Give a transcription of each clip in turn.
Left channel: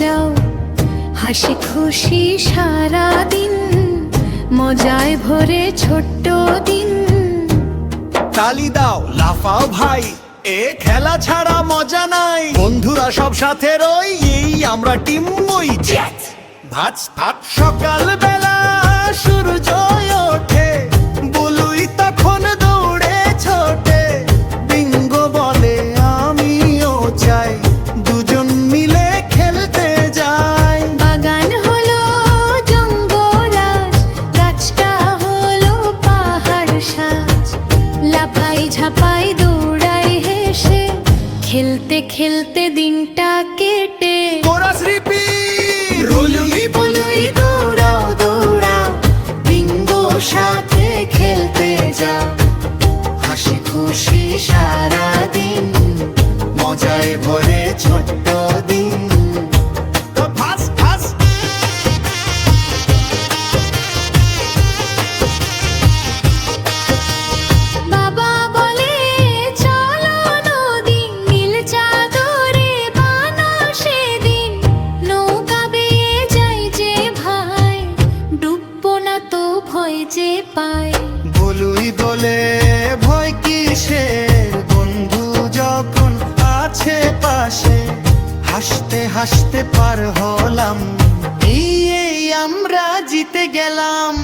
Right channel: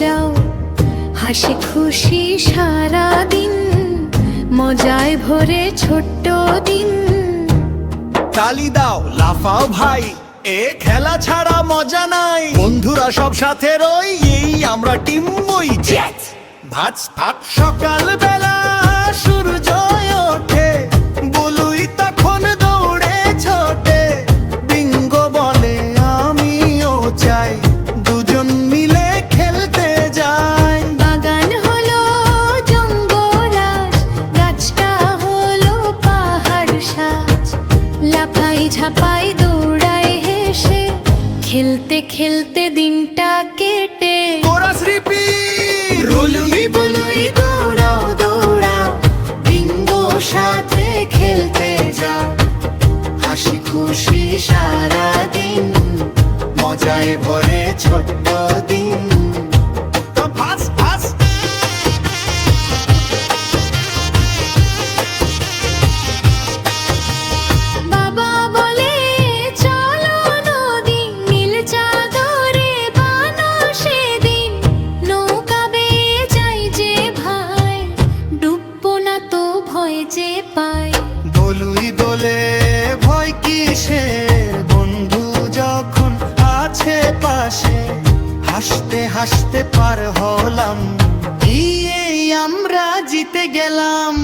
যাও, হাসি খুশি সারা দিন, মজায় ভরে ছোট্ট দিন। তালি দাও, লাফাও ভাই, এ খেলা ছাড়া মজা নাই। বন্ধুরা সব সাথে রই, এই আমরা টিম বই। ভাত ভাত সকাল বেলা সূর্য ওঠে, বলুই তখন দৌড়ে ছোটে। বিঙ্গো বলে আমিও চাই, দুজন মিলে খেলতে যাই। বাগান হলো জঙ্গলাজ, গাছটা হলো পাহাড় সাজ। লাফাই ঝাপাই দৌড়াই হেসে, খেলতে খেলতে দিনটা কেটে। কোরাস রিপিট, রুলুই বলুই দৌড়াও দৌড়াও, বিঙ্গো সাথে খেলতে যাও, হাসি খুশি সারা দিন, মজায় ভরে ছোট্ট দিন। ভাস ভাস বাবা বলে চলো নদী, নীল চাদরে বানো সেদিন। নৌকা বেয়ে যাই যে ভাই, ডুববো না তো ভয় যে পাই। বলুই বলে ভয় কিসের, বন্ধু যখন আছে পাশে। হাসতে হাসতে পার হলাম, এই আমরা জিতে গেলাম।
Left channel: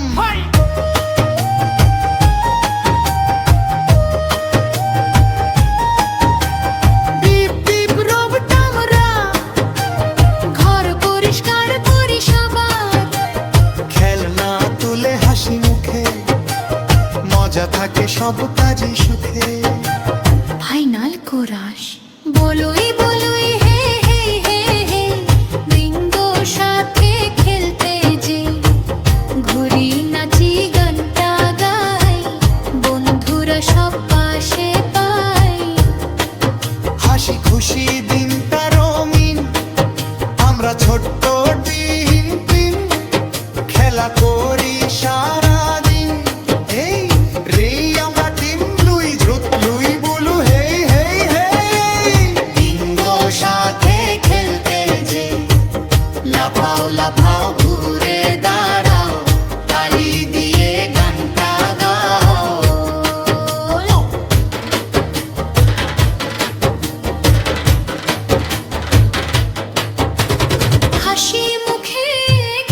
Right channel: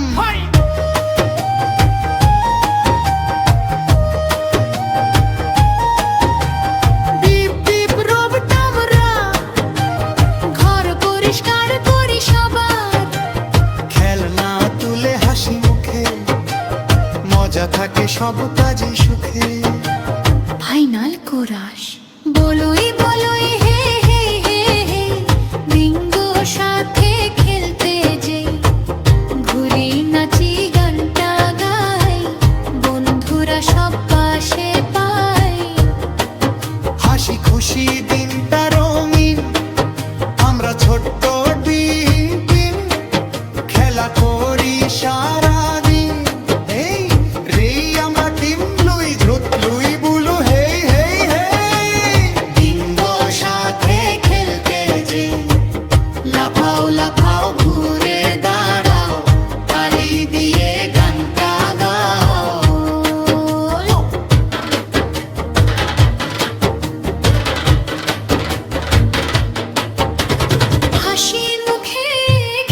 বিপ বিপ রব টামরা, ঘর পরিষ্কার করি সবার। খেলনা তুলে হাসি মুখে, মজা থাকে সব কাজে সুখে। ফাইনাল কোরাস, বলুই বলুই হে হে হে হে, বিঙ্গো সাথে খেলতে যে। ঘুরি নাচি গানটা গাই, বন্ধুরা সব পাশে পাই। হাসি খুশি দিনটা রঙিন, আমরা ছোট্ট ডিম টিম। খেলা করি সারা দিন, এই রে আমরা টিম লুই দ্রুত লুই বুলু হেই হেই হেই। বিঙ্গো সাথে খেলতে যে, লাফাও লাফাও ঘুরে দাঁড়াও, তালি দিয়ে গানটা গাও। হাসি মুখে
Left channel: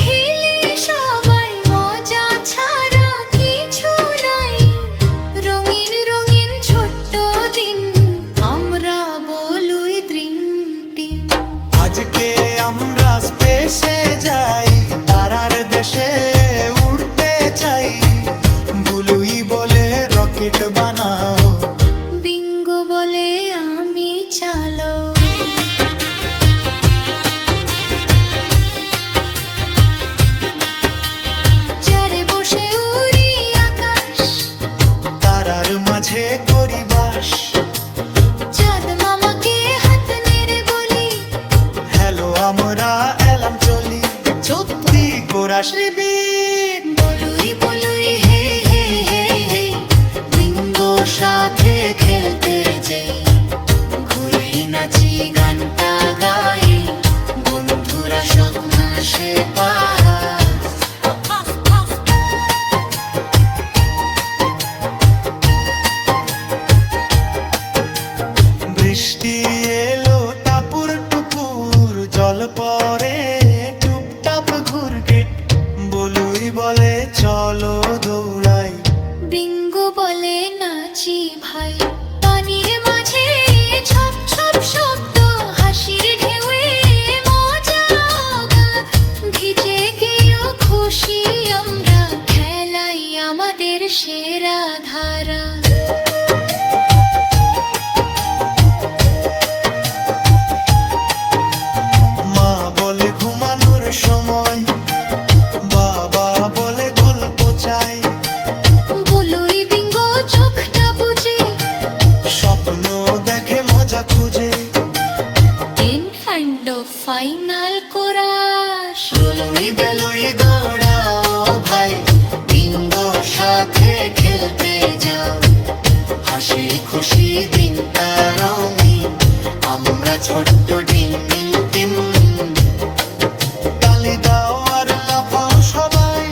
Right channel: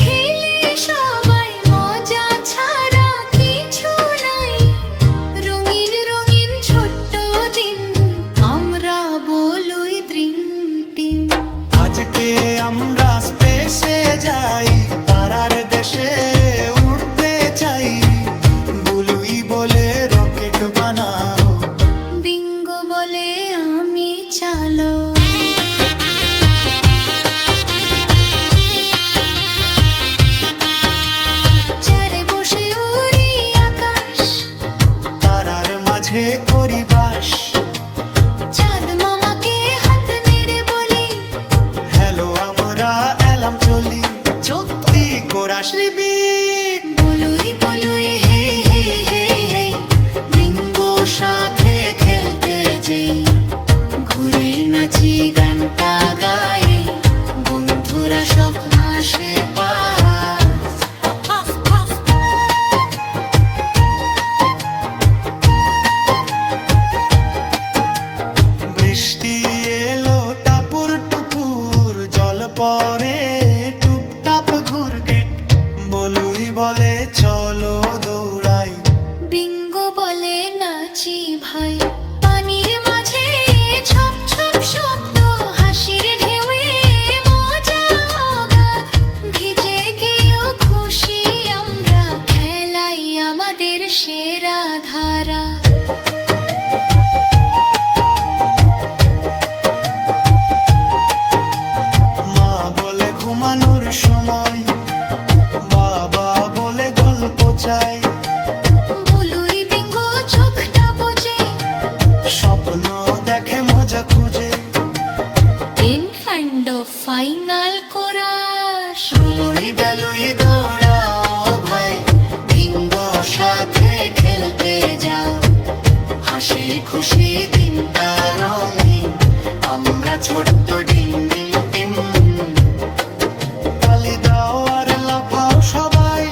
খেলে সবাই, মজা ছাড়া কিছু নাই। রঙিন রঙিন ছোট্ট দিন, আমরা বলুই ড্রিম টিম। আজকে আমরা স্পেসে যাই, তারার দেশে উড়তে চাই। বুলুই বলে রকেট বানাও, বিঙ্গো বলে আমি চালো। চারে বসে উড়ি আকাশ, তারার মাঝে করি বাস। চাঁদ মামাকে হাত নেড়ে বলি, হ্যালো আমরা এলাম চলি। সত্যি কোরাস রিপিট, বলুই বলুই হে হে হে হে, বিঙ্গো সাথে খেলতে যেই। ঘুরি নাচি গানটা গাই, বন্ধুরা সব হাসে পাহাড়। বৃষ্টি এলো টাপুর টুপুর, জল পরে টুপটাপ ঘুরগেট। বলুই বলে চলো দৌড়াই, বিঙ্গো বলে নাচি ভাই। পানির মাঝে ছপ ছপ শব্দ, হাসির ঢেউয়ে মজা অগাধ। ভিজে গেও খুশি আমরা, খেলাই আমাদের সেরা ধারা। মা বলে ঘুমানোর সময়, বাবা বলে গল্প চাই। বলুই বিঙ্গো চোখটা বুঝে, স্বপ্ন দেখে মজা খুঁজে। in kind of final chorus. রুলুই বেলুই দৌড়াও ভাই, বিঙ্গোর সাথে খেলতে যাও। হাসি খুশি দিনটা রঙিন, আমরা ছোট্ট ডিম ডিম টিম। তালি দাও আর লাফাও সবাই,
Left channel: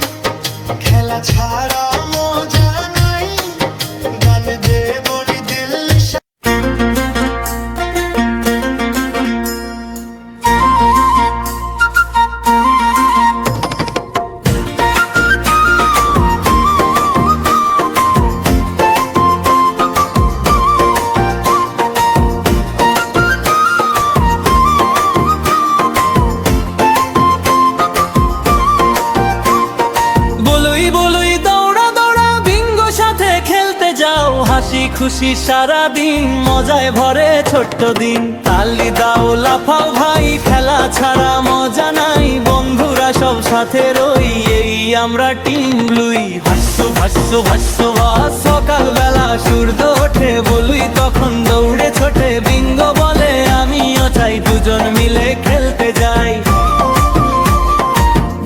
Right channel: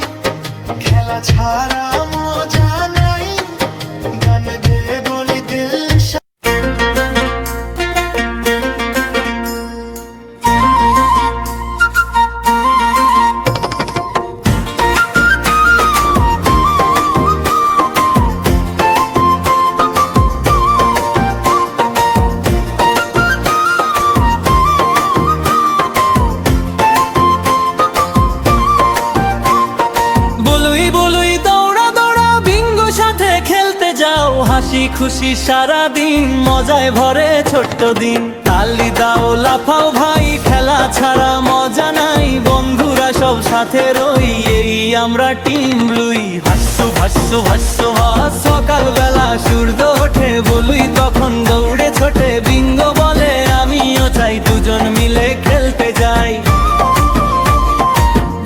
খেলা ছাড়া মজা নাই, গান দে বলি দিল হাসি খুশি সারা দিন মজায় ভরে ছোট্ট দিন। তালি দাও লাফাও ভাই, খেলা ছাড়া মজা নাই, বন্ধুরা সব সাথে রই, এই আমরা টিম ব্লুই। ভাষ্য ভাষ্য ভাষ্য ভাস, সকাল বেলা সূর্য ওঠে বলুই তখন দৌড়ে ছোটে, বিঙ্গো বলে আমিও চাই, দুজন মিলে খেলতে যাই।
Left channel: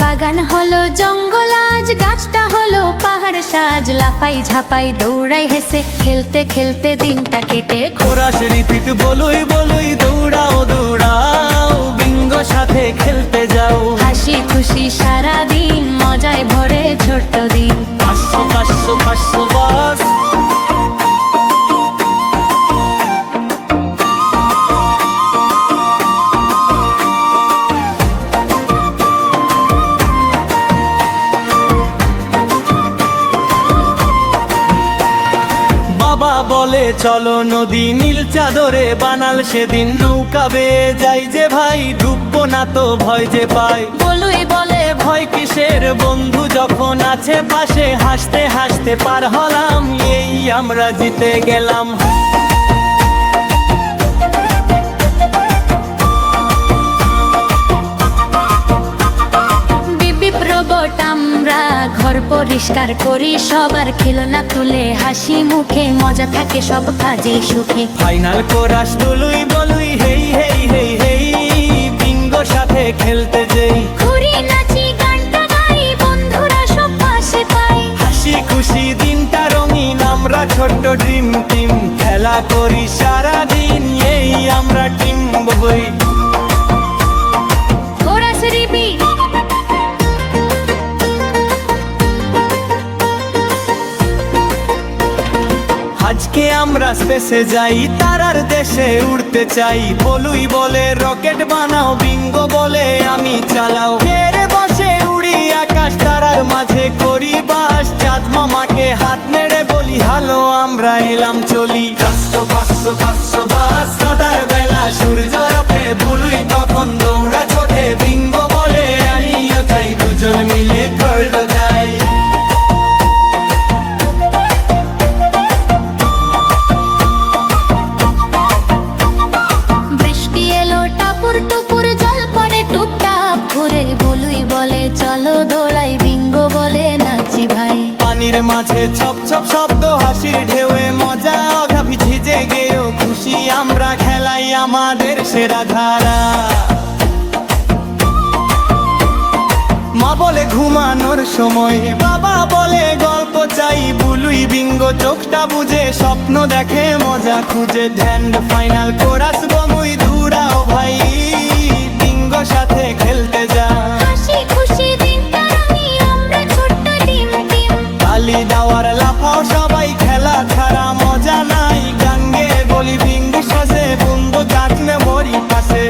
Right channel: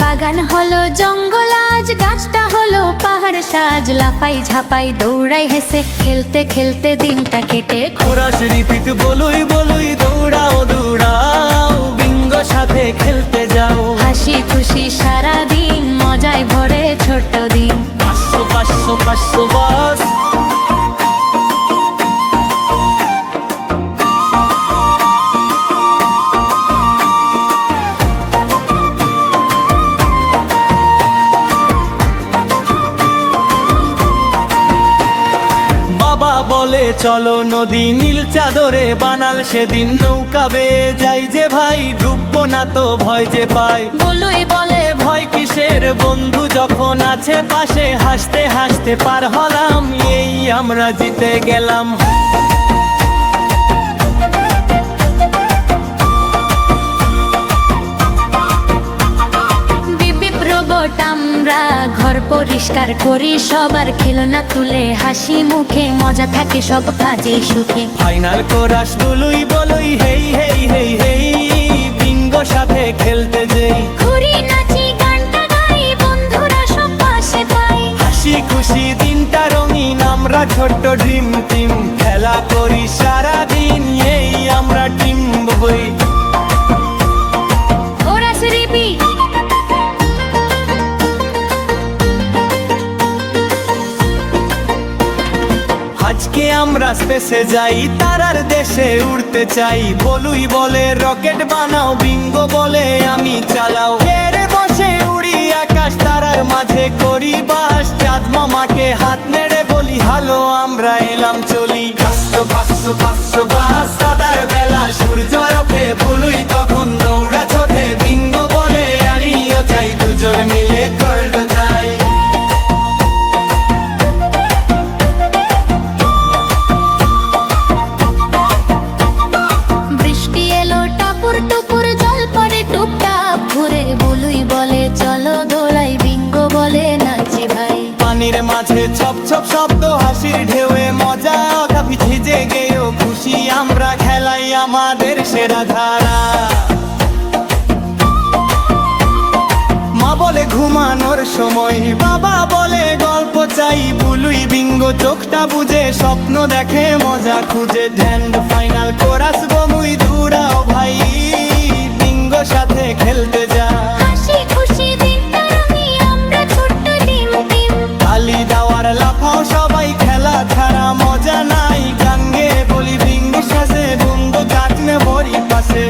বাগান হলো জঙ্গল আজ, গাছটা হলো পাহাড় সাজ, লাফাই ঝাপাই দৌড়াই হেসে, খেলতে খেলতে দিনটা কেটে। কোরাস রিপিট বলুই বলুই, দৌড়াও দৌড়াও, বিঙ্গো সাথে খেলতে যাও। হাসি খুশি সারা দিন মজায় ভরে ছোট্ট দিন। পাঁচশো পাঁচশো পাঁচশো বাস। বাবা বলে চলো নদী, নীল চাদরে বানাল সেদিন, নৌকা বেয়ে যাই যে ভাই, ডুববো না তো ভয় যে পাই। বলুই বলে ভয় কিসের, বন্ধু যখন আছে পাশে, হাসতে হাসতে পার হলাম, এই আমরা জিতে গেলাম। রোবট আমরা ঘর পরিষ্কার করি, সবার খেলনা তুলে হাসি মুখে, মজা থাকে সব কাজে সুখে। ফাইনাল কোরাস বলুই বলুই, হেই হেই হেই হেই, বিঙ্গো সাথে খেলতে যেই, ঘুরি নাচি গানটা গাই, বন্ধুরা সব পাশে পাই। হাসি খুশি দিনটা রঙিন, আমরা ছোট্ট ড্রিম টিম, খেলা করি সারা দিন, এই আমরা টিম বই। Chorus repeat. আজকে আমরা স্পেসে যাই, তারার দেশে উড়তে চাই, বলুই বলে রকেট বানাও, বিঙ্গো বলে আমি চালাও, ফেরে বসে উড়ি আকাশ, তারার মাঝে করি বাস, চাঁদ মামাকে হাত নেড়ে বলি হ্যালো, আমরা এলাম চলি। পাঁচশো পাঁচশো পাঁচশো বাস, সাদার বেলা সূর্য ওঠে বলুই তখন দৌড়া ছোটে, বিঙ্গো বলে আমিও চাই, দুজন মিলে করতে যাই। টাপুর টুপুর জল পড়ে টুপটাপ ঘুরে, বলুই বলে চলো দোলাই, বিঙ্গো বলে নাচি ভাই। পানির মাঝে ছপ ছপ শব্দ, হাসির ঢেউয়ে মজা, অগা ভিজে গেও খুশি, আমরা খেলাই আমাদের সেরা ধারা। মা বলে ঘুমানোর সময়, বাবা বলে গল্প চাই, বুলুই বিঙ্গো চোখটা বুঝে, স্বপ্ন দেখে মজা খুঁজে, ধ্যান ফাইনাল কোরাস বমুই, দৌড়াও ভাই, বিঙ্গো সাথে খেলতে যা। হাসি খুশি দিনটা রঙি, আমরা ছোট্ট টিম টিম, তালি দাওয়ার লাফাও সবাই, খেলা ছাড়া মজা নাই, গাঙ্গে বলি বিঙ্গো সাথে, বন্ধু কাটনে বড়ি পাশে।